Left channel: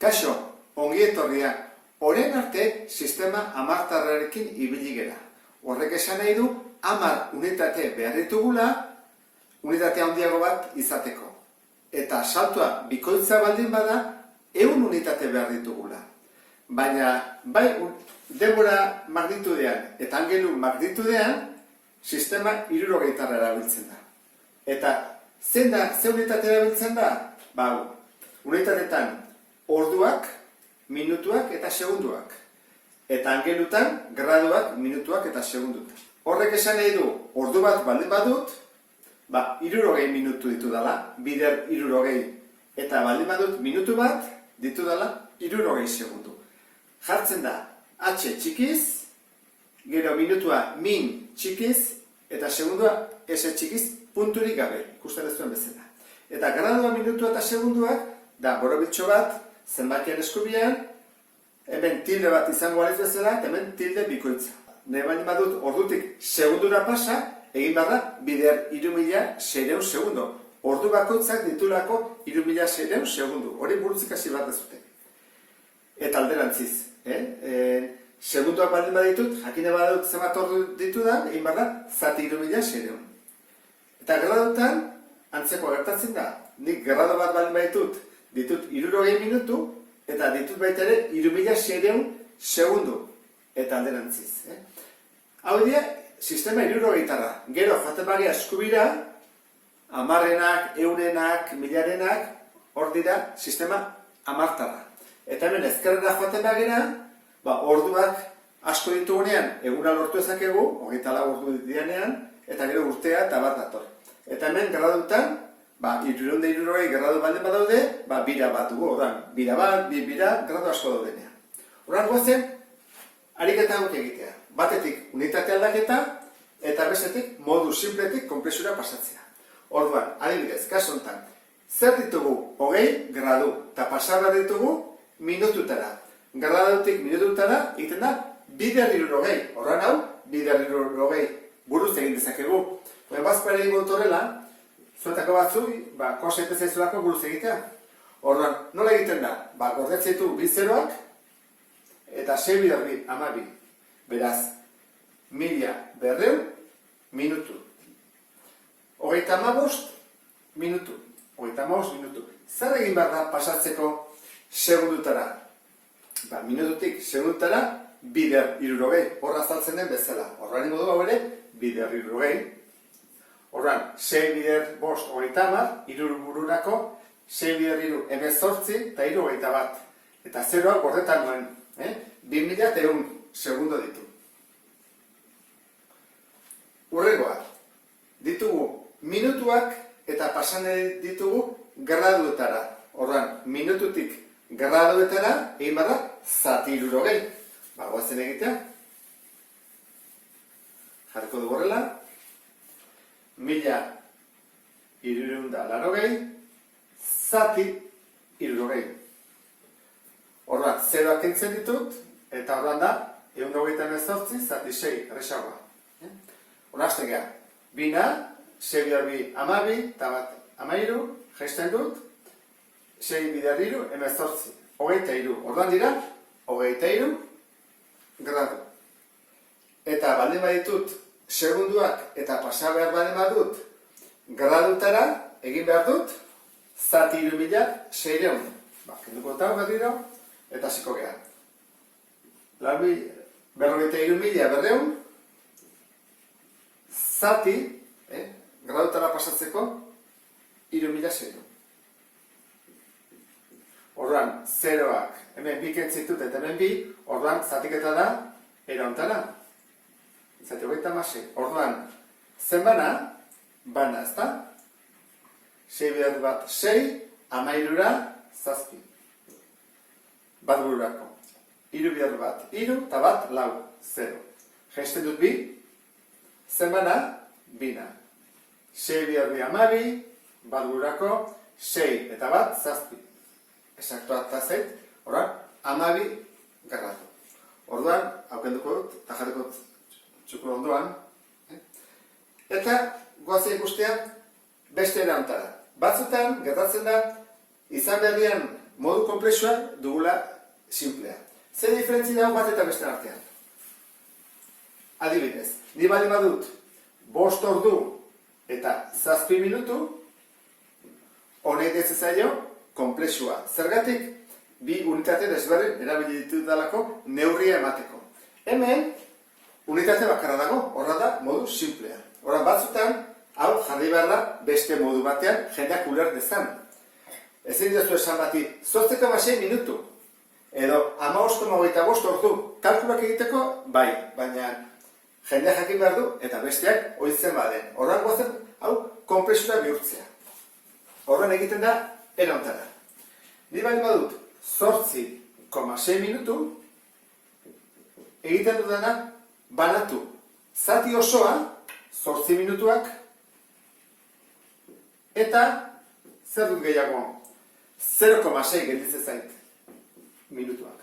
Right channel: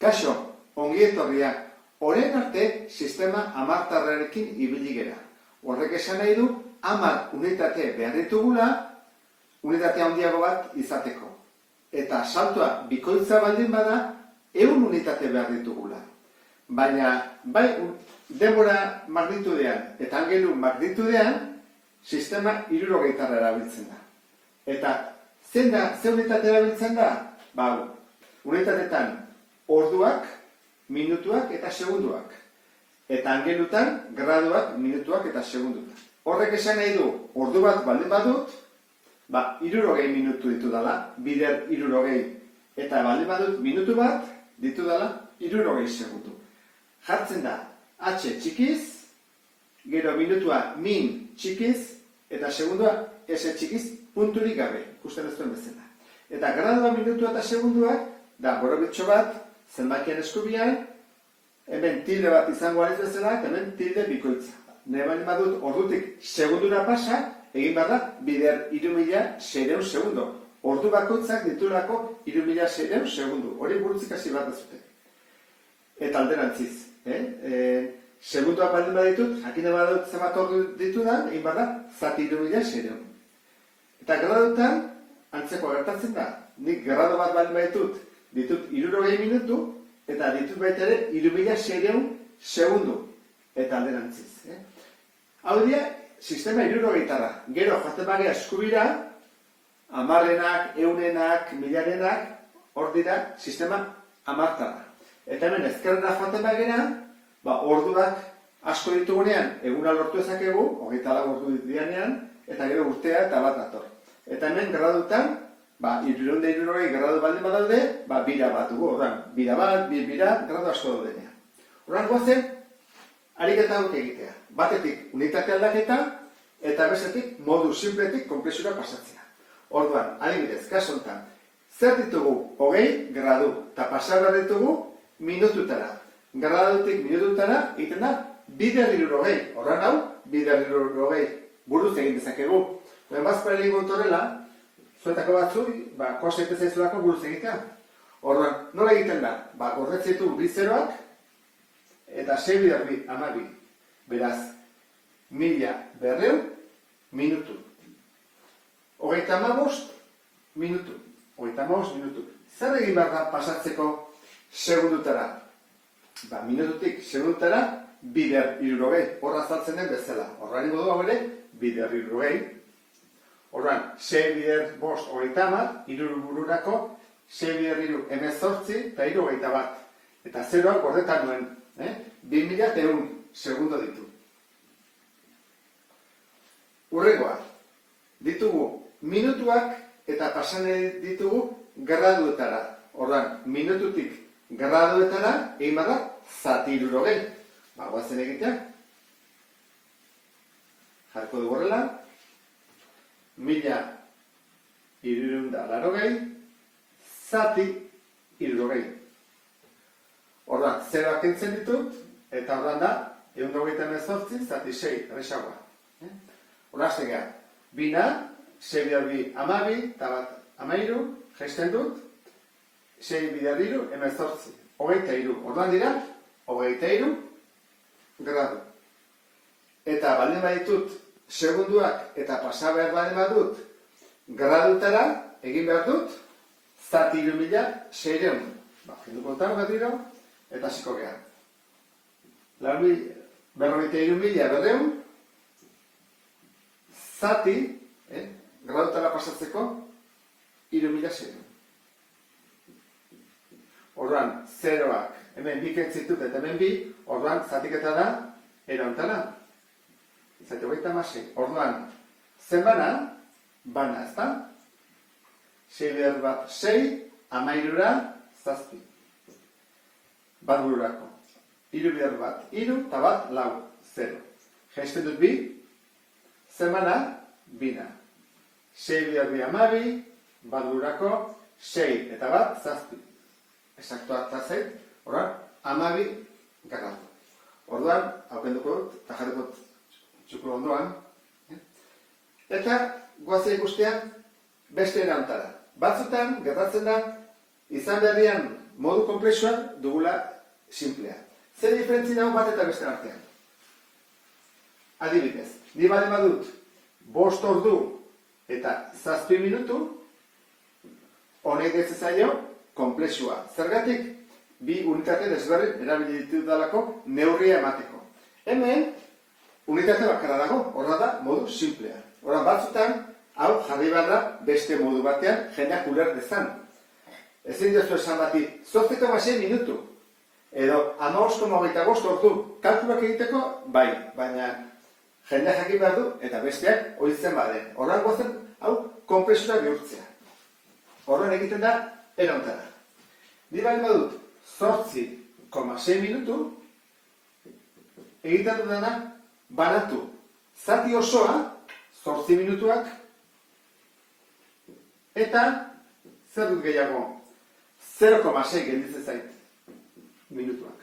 Kaixo, ongi etorria, orain arte sistema hamartarrarekin ibili gera. Horrek esan nahi du, 10 unitate behar ditugula, unitatea handiago bat izateko. Eta saltoa bikoitza baldin bada, 100 unitate behar ditugula. Baina, bai denbora magnitudean eta angelu magnitudean, sistema 60 erabiltzen da. Eta ze unitate erabiltzen da? Unitatetan orduak, minutuak eta segunduak. Eta angelutan graduak, minutuak eta segunduak. Horrek esan nahi du, ordu bat baldin badut, 60 minutu ditu dela, bider 60, eta baldin badut minutu bat ditu dela 60 segundu. Jartzen da H txikiz, gero minutua min txikiz, eta segundua S txikiz punturik gabe, ikusten ez duen bezala. Eta gradua, minutua eta segunduak, da borobitxo bat, zenbakien eskubian, hemen tilde bat izango aliz bezala, eta hemen tilde bikoitza. Nahi baldin badut ordutik segundura pasa, egin behar da, bider 3600 segundo. Ordu bakoitzak ditulako 3600 segundo. Hori burutzik hasi bat dezute. Eta alderantziz. Segunduak baldin baditut, jakine badut zenbat ordu ditudan, egin behar da, zati 3600. Eta gradutan, antzeko gertatzen da. Nik gradu bat baldin baditut, ditut 60 minutu, eta ditut baita ere 3600 segundu. Eta alderantziz. Hau dira, sistema 60 Gero, jaten bagea eskubira, 10-enak, 100-enak, 1000-enak, hor dira, sistema 10. Eta hemen ezkerrera jaten bagera, orduak asko ditugunean, eguna lortu ezakegu, 24 ordu ditianean, eta gero urtea eta bat dator. Eta hemen gradutan, 360 gradu baldin badaude, bira bat dugu, bira bat, bira, gradu asko daudenean. Horran guazen, ariketa hauek egitea. Batetik unitate aldaketa, eta bestetik modu simpletik konpresura pasatzea. Orduan, adibidez, kasu honetan, zer ditugu 20 gradu, eta pasabar ditugu minututara. Gradutik minututara, egiten da, bider 60. Horran hau, bider 60 buruz egin dezakegu. Bazpare egingo dut horrela, zuetako batzu, kosa zaizulako buruz egitea. Orduan, nola egiten da? Gordetzeitu bi zeroak, eta 6 bider 12. Beraz, 1200 minutu. 35 minutu. 35 minutu. Zer egin behar da pasatzeko segundutara? Minututik segundutara, bider 60. Horra azaltzen den bezala. Horra ningu dugu ere, bider 60. Horran, 6 bider 5, 30, iruru bururako, 6 bider 3, 18, eta 61 bat. Eta zeroak gordetan nuen. 2100 segundo ditu. Hurrengoa, ditugu minutuak eta pasan ditugu graduetara. Horran, minututik graduetara, egin bada, zati 60. Guazen egitea. Jarko dugu horrela. 1380, zati 60. Orduan, zeroak entzen ditut, eta orduan da, 128, zati 6, erresagoa. Horra hasten geha, bina, 6 bider 2, 12, eta bat 13, jaisten dut, 6 bider 2, 18, 23. Orduan dira, 23 gradu. Eta baldin baditut, segunduak eta pasa behar baldin badut, gradutara egin behar dut, zati 3600. Kenduko eta bat dira, eta hasiko geha. 43.200 zati, gradutara pasatzeko, 3600. Orduan, zeroak, hemen bi kentzitut eta hemen bi, orduan, zatiketa da, erontara. Zati 26. Orduan, zen bana ez da? 6 bider bat 6, 13, zazpi. Bat bururako. 3 bider bat 3, eta bat 4, 0. Jaisten dut bi, zen bina. 6 bider 2, 12, bat bururako, 6 eta bat zazpi. Esaktua eta zait, orduan, 12 gradu. Orduan, haukenduko dut, eta jarriko dut txuko ondoan. Eta, goazen ikustean, beste erantara. Batzutan, gertatzen da, izan berrian, modu komplexua dugula simplea. Zer diferentzi dago bat eta beste artean? Adibidez, ni baldin badut 5 ordu eta 7 minutu, honek deitzen komplexua. Zergatik, bi unitate desberdin erabili ditudalako neurria emateko. Hemen, unitate bakarra dago, horra da modu simplea. Horra batzutan, hau jarri behar da beste modu batean jendeak uler dezan. Ezin diozu esan bati, 8,6 minutu, edo 15,25 ordu, kalkulak egiteko, bai, baina jendeak jakin behar du, eta besteak oitzen baden. Horran gozen, hau, komplexura bihurtzea. Horren egiten da, eraontara. Ni bali badut, 8,6 minutu, egiten dudana, banatu. Zati osoa, 8 minutuak, eta zer dut gehiago? 0,6 gelditzen zait minutuak.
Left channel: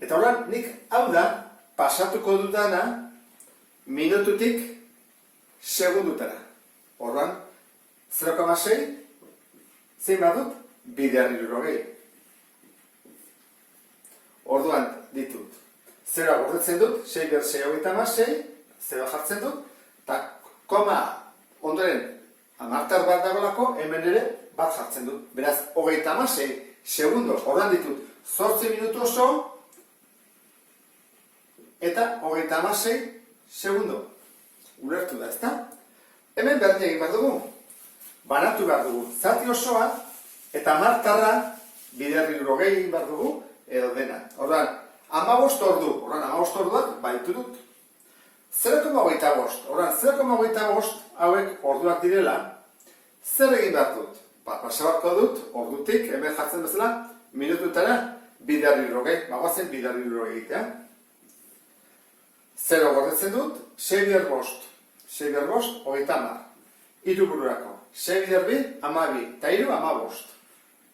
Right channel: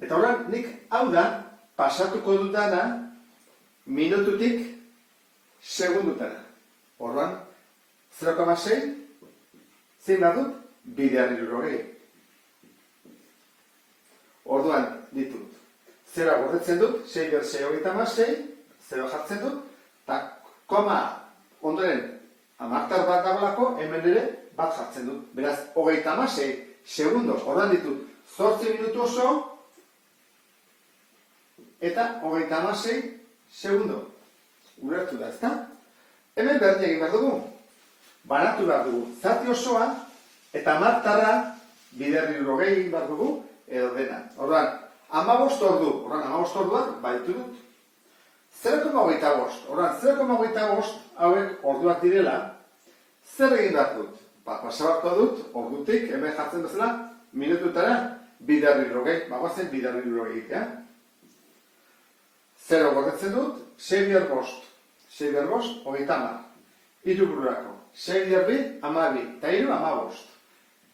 Eta horren, nik hau da, pasatuko dudana, minututik segundutara. Horren, 0,6, zein badut, 2,60. Orduan ditut. Zera gordetzen dut, 6 ber 6,6, 0 jartzen dut, eta koma ondoren amartar bat dagoelako, hemen ere bat jartzen dut. Beraz, 36 segundo, orduan ditut, 8 minutu oso, eta 36 segundo. Ulertu da, ezta? Hemen berdin egin behar dugu. Banatu behar dugu, zati osoa, eta amartarra 2,60 egin behar dugu, edo dena. Orduan, 15 ordu, orduan 15 orduak baitu dut. 0,25, orduan 0,25 hauek orduak direla, zer egin behar dut? Pasabarko dut, ordutik, hemen jartzen bezala, minututara 2,60, bagoazen 2,60 egitea. 0 gordetzen dut, 6 bider bost, 30. Hiru bururako, 6 bider bi, 12, eta 3, 15.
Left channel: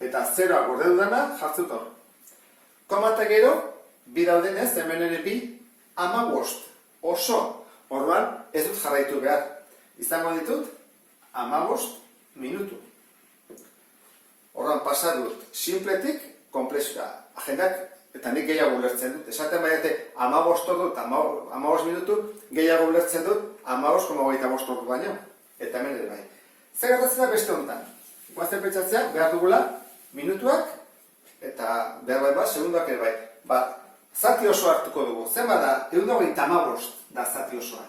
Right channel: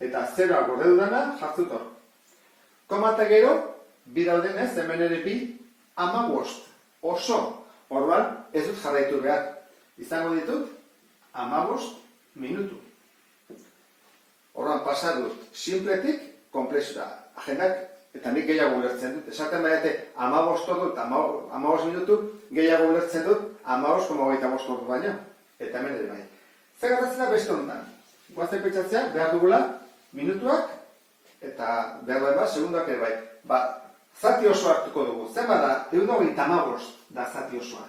Eta 0 gorde dudana, jartzut hor. Koma eta gero, bi daudenez, hemen ere bi, 15. Oso, orduan ez dut jarraitu behar. Izango ditut, 15 minutu. Orduan pasa dut, simpletik, komplexura. Agendak, eta nik gehiago ulertzen dut. Esaten baiate, 15 ordu eta 15 minutu, gehiago ulertzen dut, 15,25 ordu baino. Eta hemen ere bai. Zer gertatzen da beste honetan? Guazten pentsatzea, behar dugula, minutuak, eta behar bai segunduak ere bai. Zati oso hartuko dugu. Zenba da, 1,25 da zati osoa.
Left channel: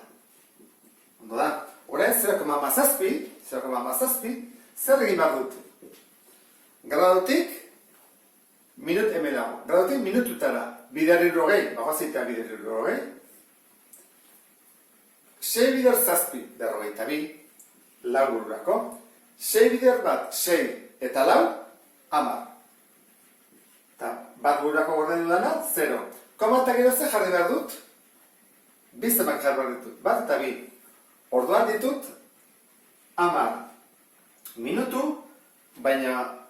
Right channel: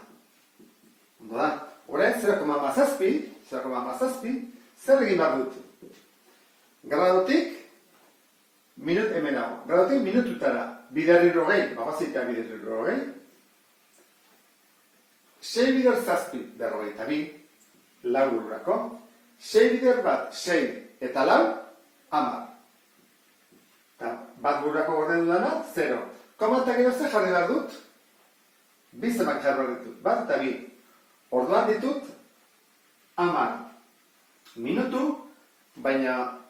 Ondo da, orain 0,7, zer egin behar dut? Gradutik, hemen hau, gradutik minututara, 2,60, bagoazitea 2,60, 6 bider zazpi, 42, lau bururako, 6 bider bat, 6 eta lau, 10. Eta bat bururako gorde dudana, 0. Koma eta gero ze jarri behar dut? Bizemak jarri behar ditut, bat eta bi. Orduan ditut, 10 minutu, baina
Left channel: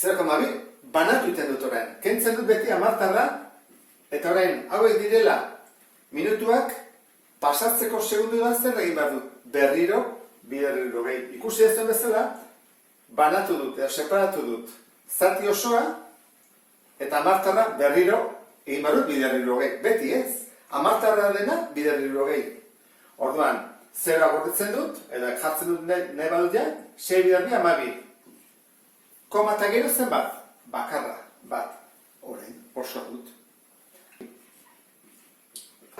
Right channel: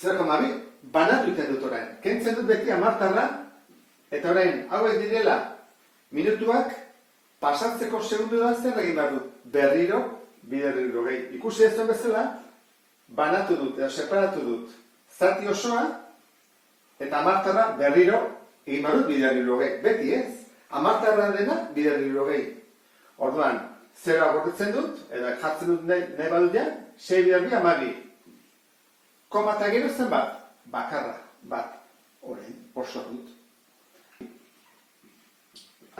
0,2 banatu iten dut orain. Kentzen dut beti amartarra, eta orain hauek direla minutuak, pasatzeko segundu da zer egin behar dut. Berriro, 2,60. Ikusi ez bezala, banatu dut, edo separatu dut. Zati osoa, eta amartarra berriro egin behar dut 2,60. Beti ez, amartarra dena 2,60. Orduan, zera gordetzen dut, edo jartzen dut nahi badut ja, 6 bider bi, 12. Koma eta gero zen bat? Bakarra, bat. Orain, oso dut.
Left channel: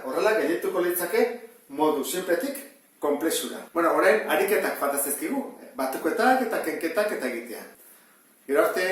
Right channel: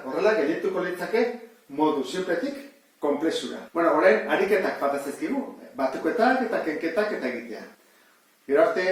Horrela, gehietuko litzake modu simpletik komplexura. Bueno, orain, ariketak fataz ezkigu. Batukoetak eta kenketak eta egitea. Gero arte,